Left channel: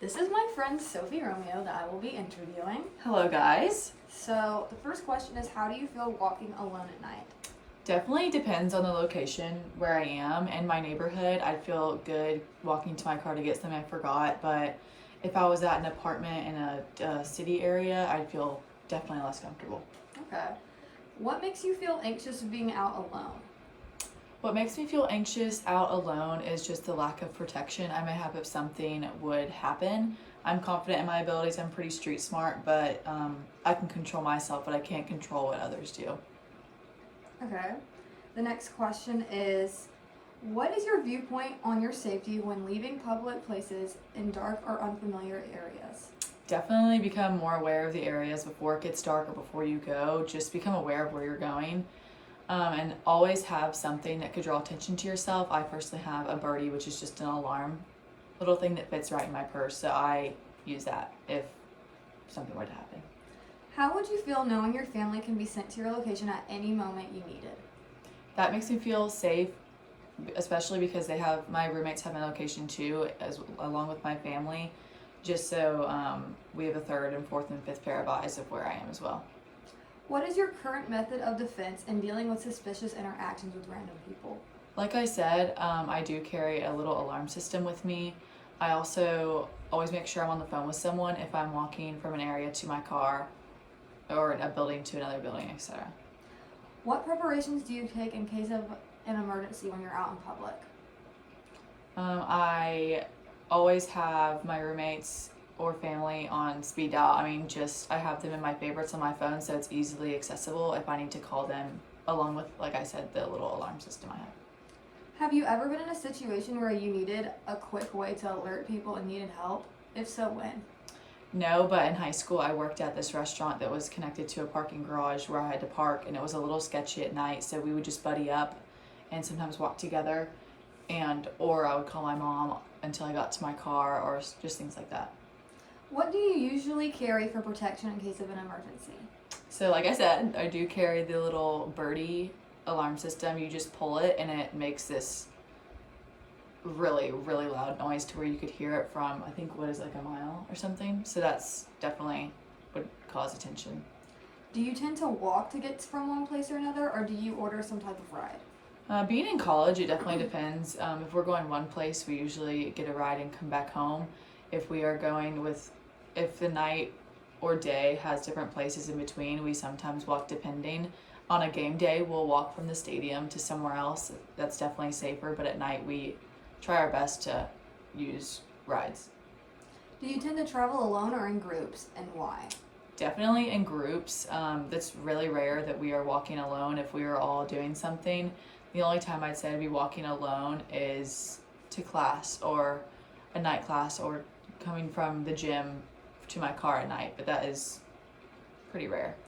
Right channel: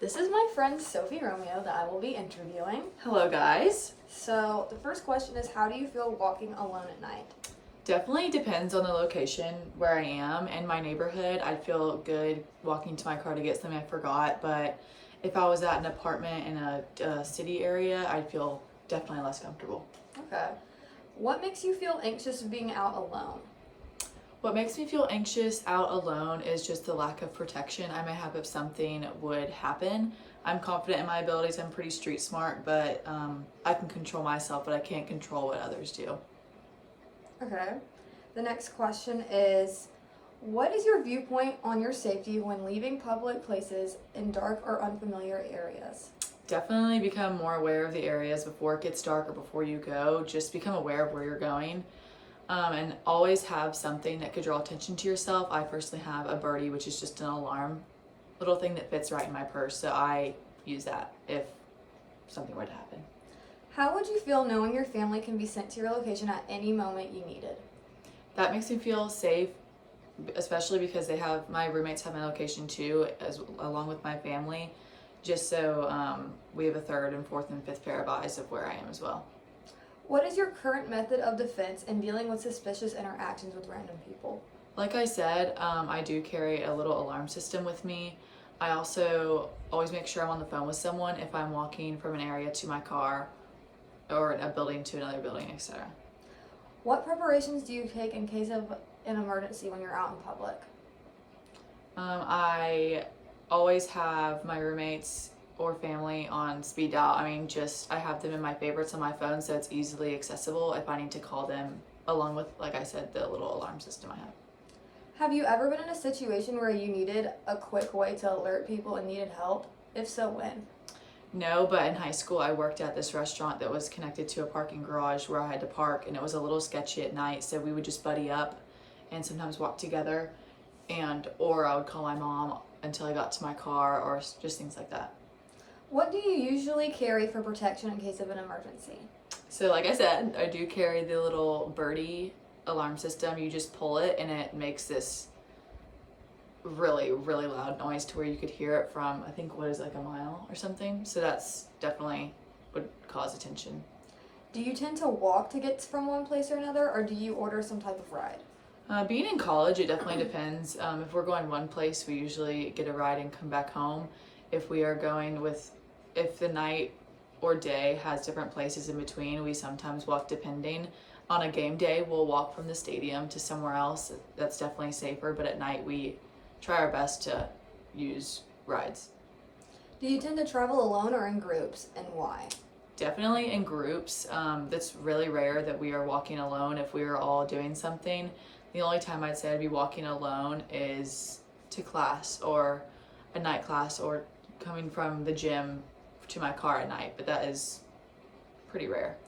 This is my friend Sophie Romeo that I will be interviewing. Hello, guys. So, the first question is, how do you feel walking alone at night? Definitely depends on the location where I am. In my neighborhood, I'd feel good walking to my car to get something I forgot, but if I was at an apartment in a city area, I'd feel definitely less comfortable. Okay. What makes you feel anxious being out alone? What makes me feel anxious out alone is just the lack of protection I may have if something would happen. I'm confident in my abilities. I'm pretty street smart, but I can control myself, but I can't control what others do. Okay. The next question is, what is your viewpoint on your safety when leaving public places in dark or unfamiliar areas? Definitely become more aware of the areas before it gets dark or before you go. Just become aware of where you're going. And always have something that could draw attention to yourself. I personally have a birdie, which is just an alarm little thing that fits right in my purse. So I use that if something were to happen. How would you feel knowing your family can be sent to your location at any moment you need it? That makes me feel safe, especially because my roommates have my location too, along with my family, just so we have a third and fourth and fifth pair of eyes of where I am as well. What is your current method of defense in dealing with suspicious interactions with random people? Like I said, I do carry a little alarm system with me. I also always make sure I'm on the phone with someone if I'm walking from an area to my car or a building to another building, etc. What preparations do you take in case of an emergency when you're out in public? I always have my roommates or family on speed dial. I have them in my favorites on my phone, so it's easily accessible if I need to call them, along with, like I said, the little alarm system I have. Have you ever been in a situation where you needed a quick way to alert people and needed help? If so, when? No, but in high school I worked at this restaurant that was connected to a parking garage where I had to park, and it was a little sketchy at night, so we would just buddy up and sometimes walk together, or I would call my mom until I got to my car, or just things like that. What do you usually carry for protection in case of an emergency? So like I said, I do carry the little birdie alarm system. You just pull it and it makes this really, really loud noise to where you could hear it from, I think, like a mile or something. So that's definitely would cause attention. Do you tend to walk to get from one place or another, or do you order some type of ride? Being in college, it definitely depends. If we're going one place, we usually get a ride and come back home. If the night or day has different places in between, we sometimes walk depending. On a game day, we'll walk from the stadium to somewhere else. That's definitely safer, but at night we try our best to use rides. Do you tend to travel alone or in groups, and why? Definitely in groups. That's really rare that we are walking alone if we are all doing something. The only time I'd say I'd be walking alone is to class or a night class or coming from the gym to my car at night, but that is pretty rare.